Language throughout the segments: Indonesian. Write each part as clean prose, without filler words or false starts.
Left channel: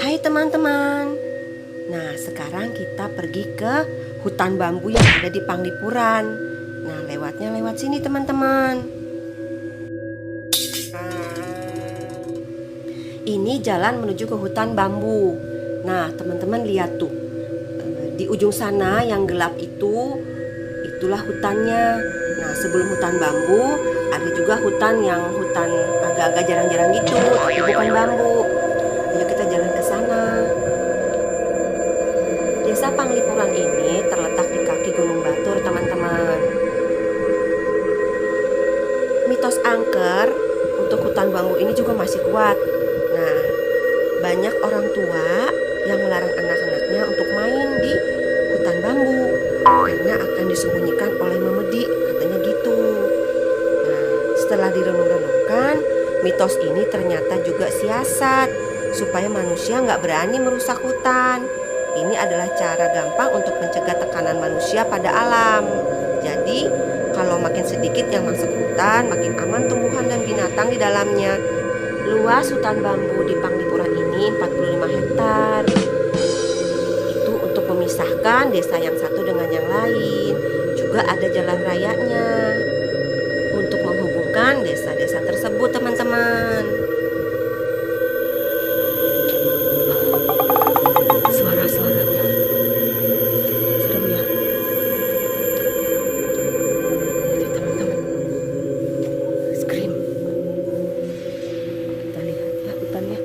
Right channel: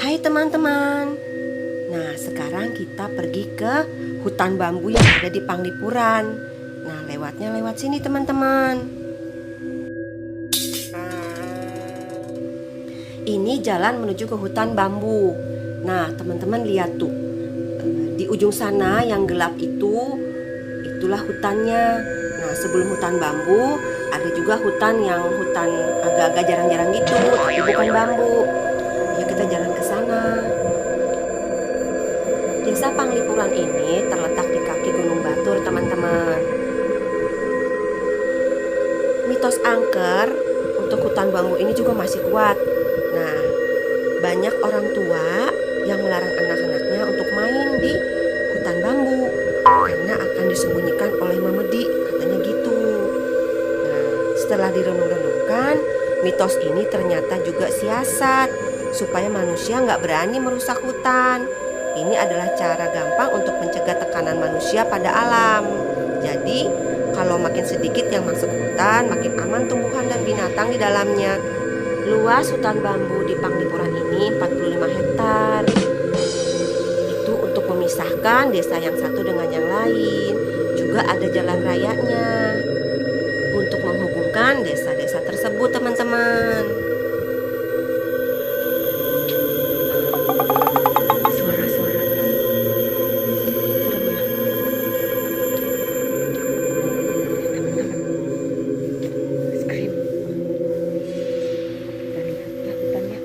Hai teman-teman. Nah, sekarang kita pergi ke hutan bambu yang ada di Panglipuran. Nah, lewatnya lewat sini teman-teman. Ini jalan menuju ke hutan bambu. Nah, teman-teman lihat tuh. Di ujung sana yang gelap itulah hutannya. Nah, sebelum hutan bambu ada juga hutan agak-agak jarang-jarang gitu, tapi bukan bambu. Ayo kita jalan ke sana. Desa Panglipuran ini terletak di kaki Gunung Batur, teman-teman. Mitos angker untuk hutan bambu ini juga masih kuat. Nah, banyak orang tua yang melarang anak-anaknya untuk main di hutan bambu karena akan disembunyikan oleh memedi, katanya gitu. Nah, setelah direnung-renungkan, mitos ini ternyata juga siasat supaya manusia nggak berani merusak hutan. Ini adalah cara gampang untuk mencegah tekanan manusia pada alam. Jadi, kalau makin sedikit yang masuk hutan, makin aman tumbuhan dan binatang di dalamnya. Luas hutan bambu di Panglipuran ini 45 hektar. Itu untuk memisahkan desa yang satu dengan yang lain. Juga ada jalan rayanya untuk menghubungkan desa-desa tersebut, teman-teman. Suara-suaranya serem ya. Teman-teman, scream. Kita lihat ya hutannya.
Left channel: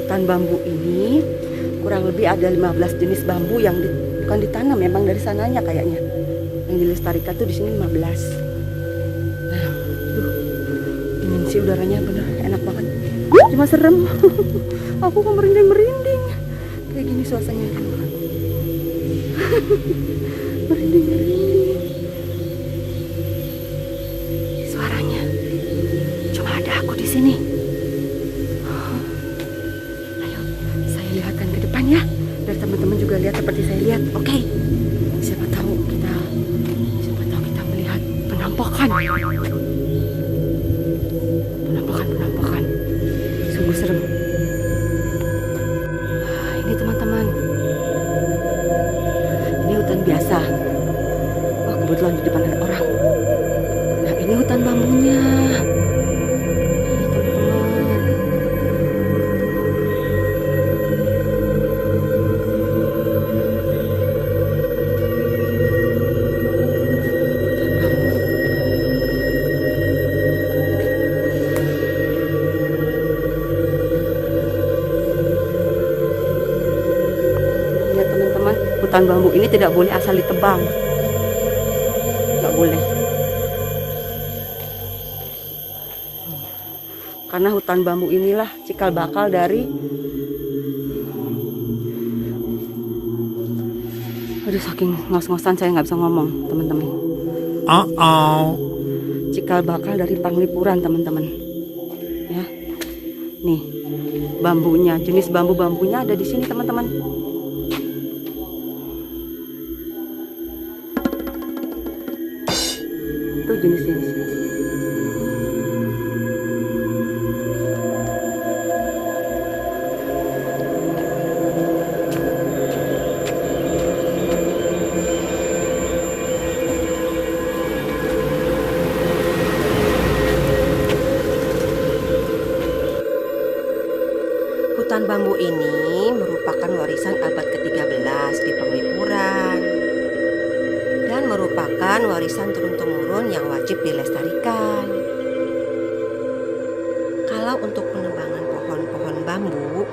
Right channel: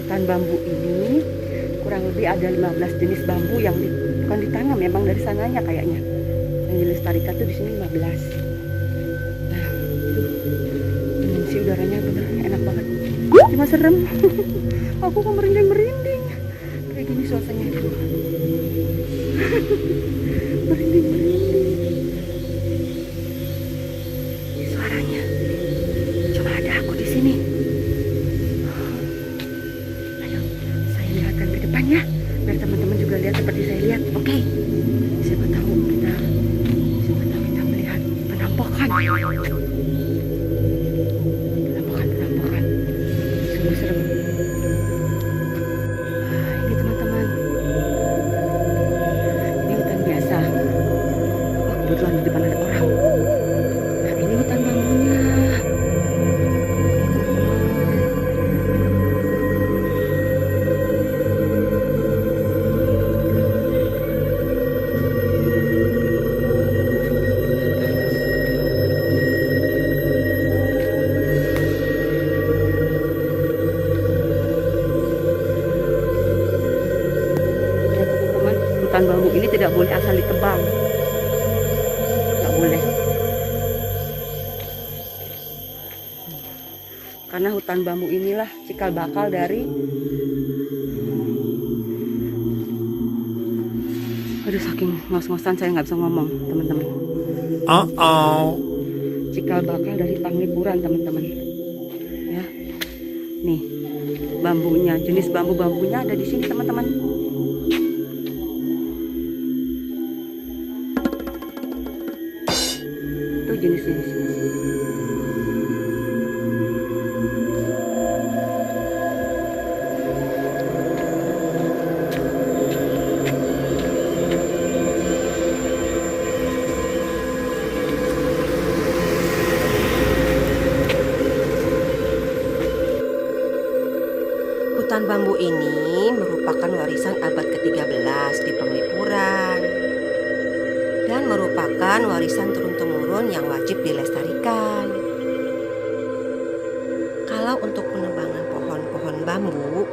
Hutan bambu ini kurang lebih ada 15 jenis bambu yang bukan ditanam, memang dari sananya kayaknya. Yang dilestarikan tuh di sini 15. Nah, tuh dingin sih udaranya, bener enak banget. Cuma serem. Aku kok merinding-merinding. Kayak gini suasananya enak banget. Merinding-merinding. Suaranya. Cuma ada aku di sini. Lihatkan ke depan ya, biar teman-teman juga lihat seperti saya lihat. Oke. Siapa tahu kita melihat penampakan. Sungguh serem. Nah, ini teman-teman. Ini hutan biasa. Wah, kebetulan di depan ada orang. Nah, ini hutan bambunya. Hutan bambu ini tidak boleh asal ditebang, nggak boleh, karena hutan bambu inilah cikal bakal dari, aduh saking ngos-ngosan saya nggak bisa ngomong teman-teman. Cikal bakal dari Panglipuran teman-teman, ya. Nih bambunya, jenis bambunya ada di sini teman-teman. Jenis-jenis hutan bambu ini merupakan warisan abad ke-13 di Panglipuran dan merupakan warisan turun-temurun yang wajib dilestarikan. Kalau untuk penebangan pohon-pohon bambu,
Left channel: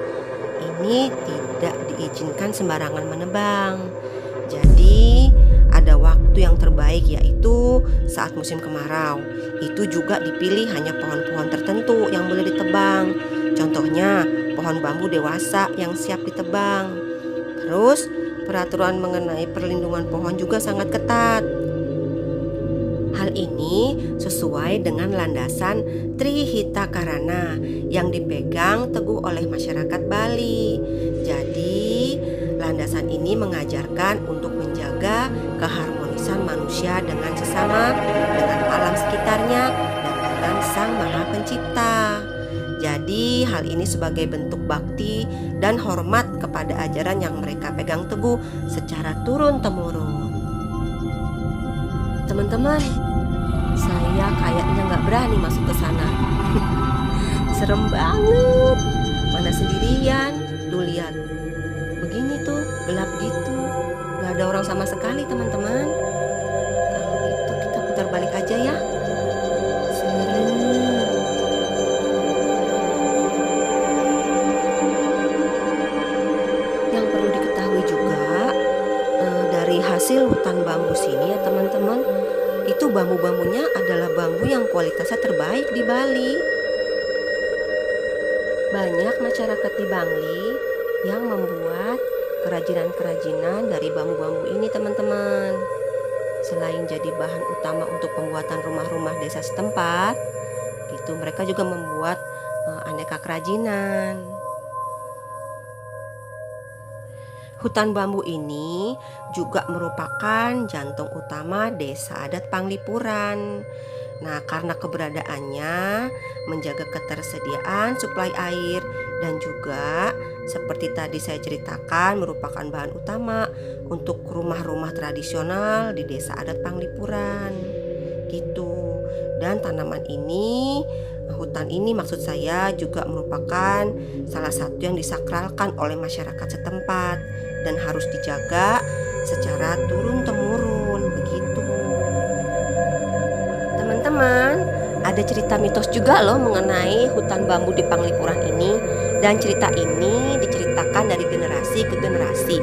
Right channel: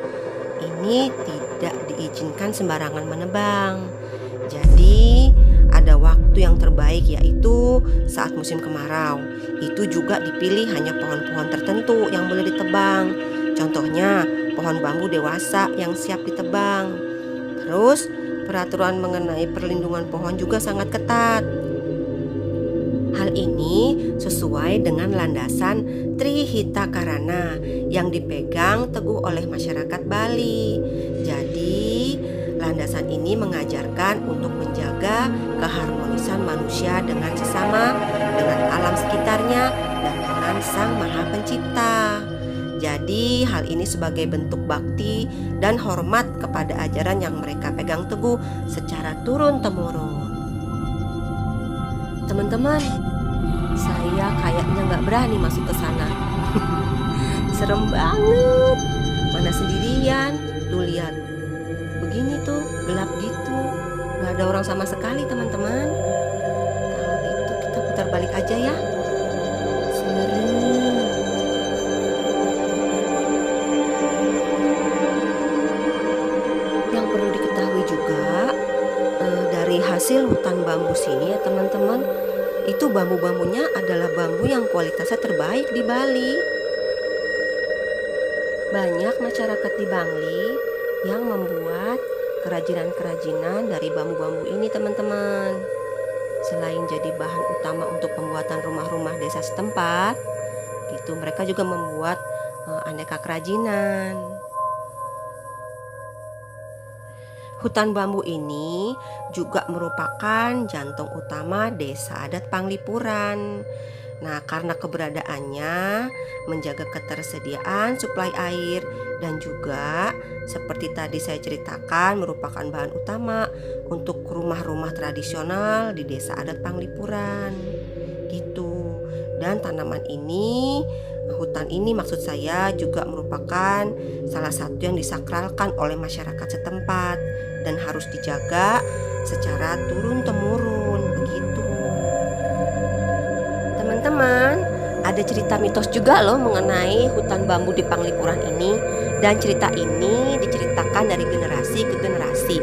ini tidak diizinkan sembarangan menebang. Jadi, ada waktu yang terbaik yaitu saat musim kemarau. Itu juga dipilih hanya pohon-pohon tertentu yang boleh ditebang. Contohnya, pohon bambu dewasa yang siap ditebang. Terus, peraturan mengenai perlindungan pohon juga sangat ketat. Hal ini sesuai dengan landasan Trihita Karana yang dipegang teguh oleh masyarakat Bali. Jadi, Landasan ini mengajarkan untuk menjaga keharmonisan manusia dengan sesama, dengan alam sekitarnya, dan dengan Sang Maha Pencipta. Jadi hal ini sebagai bentuk bakti dan hormat kepada ajaran yang mereka pegang teguh secara turun-temurun. Teman-teman, saya kayaknya nggak berani masuk ke sana. Serem banget. Mana sendirian, tuh lihat. Begini tuh, gelap gitu. Nggak ada orang sama sekali teman-teman. Kalau gitu kita putar balik aja ya. Serem. Yang perlu diketahui juga, dari hasil hutan bambu sini ya teman-teman, itu bambu-bambunya adalah bambu yang kualitasnya terbaik di Bali. Banyak masyarakat di Bangli yang membuat kerajinan-kerajinan dari bambu-bambu ini teman-teman. Selain jadi bahan utama untuk pembuatan rumah-rumah desa setempat, gitu mereka juga membuat aneka kerajinan. Hutan bambu ini juga merupakan jantung utama desa adat Panglipuran. Nah, karena keberadaannya menjaga ketersediaan suplai air dan juga seperti tadi saya ceritakan merupakan bahan utama untuk rumah-rumah tradisional di desa adat Panglipuran. Gitu. Dan tanaman ini, hutan ini maksud saya juga merupakan salah satu yang disakralkan oleh masyarakat setempat dan harus dijaga secara turun-temurun begitu. Teman-teman, ada cerita mitos juga loh mengenai hutan bambu di Panglipuran ini. Dan cerita ini diceritakan dari generasi ke generasi,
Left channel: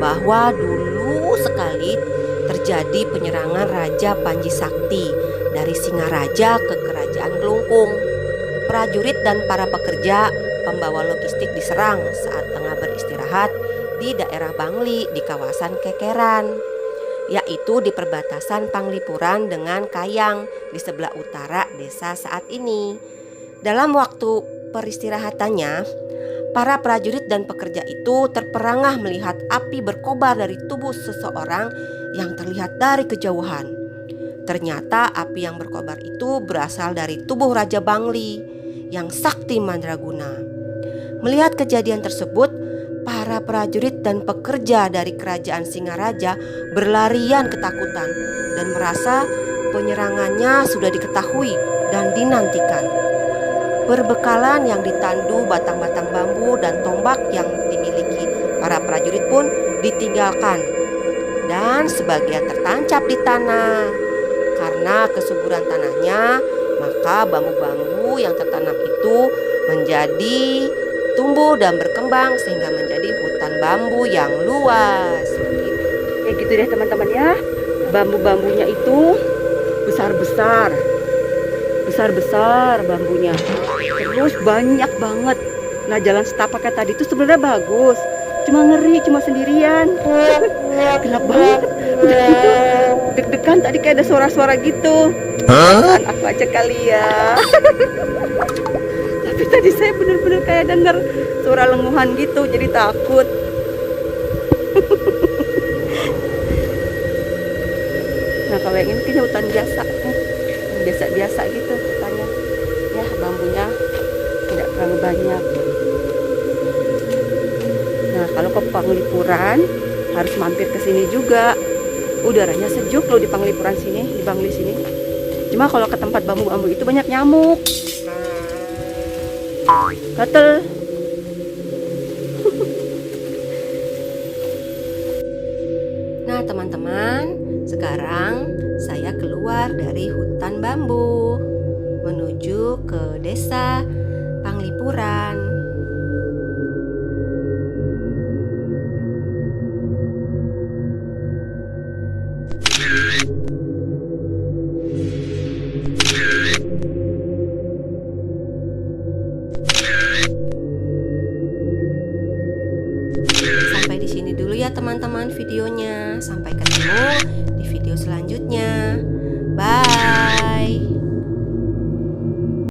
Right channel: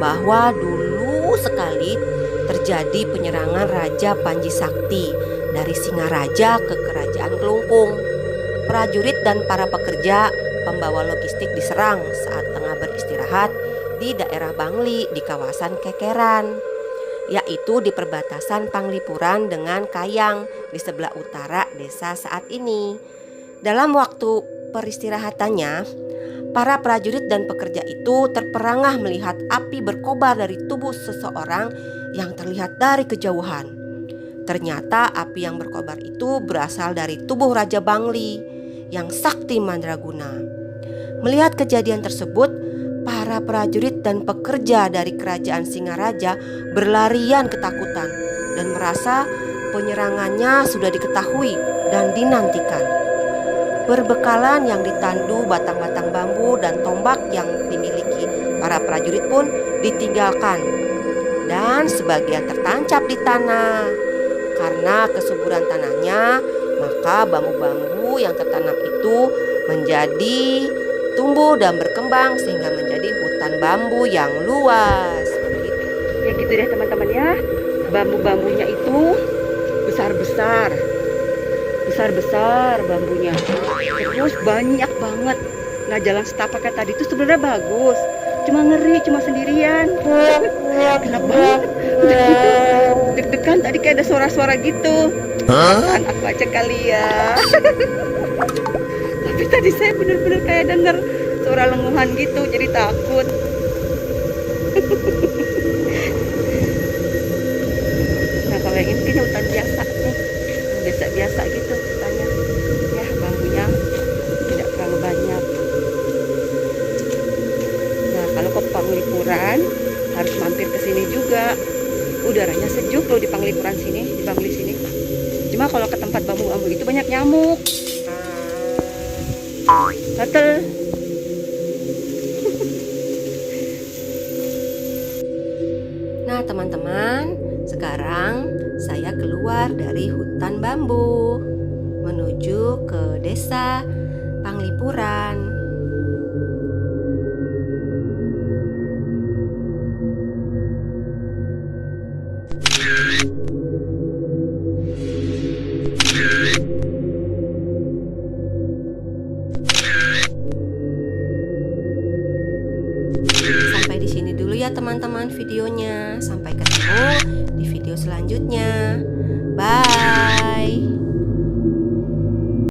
bahwa dulu sekali terjadi penyerangan Raja Panji Sakti dari Singaraja ke Kerajaan Kelungkung. Prajurit dan para pekerja pembawa logistik diserang saat tengah beristirahat di daerah Bangli di kawasan Kekeran, yaitu di perbatasan Panglipuran dengan Kayang di sebelah utara desa saat ini. Dalam waktu peristirahatannya, para prajurit dan pekerja itu terperangah melihat api berkobar dari tubuh seseorang yang terlihat dari kejauhan. Ternyata api yang berkobar itu berasal dari tubuh Raja Bangli yang sakti mandraguna. Melihat kejadian tersebut, para prajurit dan pekerja dari kerajaan Singaraja berlarian ketakutan dan merasa penyerangannya sudah diketahui dan dinantikan. Berbekalan yang ditandu batang-batang bambu dan tombak yang dimiliki para prajurit pun ditinggalkan dan sebagian tertancap di tanah. Karena kesuburan tanahnya, maka bambu-bambu yang tertanam itu menjadi tumbuh dan berkembang sehingga menjadi hutan bambu yang luas. Kayak gitu deh teman-teman ya. Bambu-bambunya itu besar-besar bambunya. Terus banyak banget. Nah, jalan setapaknya tadi itu sebenarnya bagus. Cuma ngeri, cuma sendirian. Gelap banget. Udah gitu, deg-degan tadi kayak ada suara-suara gitu. Kan aku aja kali ya. Tapi tadi saya bener-bener kayak denger suara lenguhan gitu, jadi takut. Nah, kalau yang ini kayaknya hutan biasa nih, biasa-biasa gitu hutannya. Ya, bambunya tidak terlalu banyak. Nah, kalau ke Panglipuran harus mampir ke sini juga. Udaranya sejuk loh di Panglipuran sini, di Bangli sini. Cuma kalau ke tempat bambu-bambu itu banyak nyamuk. Gatel. Nah, teman-teman, sekarang saya keluar dari hutan bambu menuju ke desa Panglipuran. Sampai di sini dulu ya teman-teman videonya. Sampai ketemu di video selanjutnya. Bye.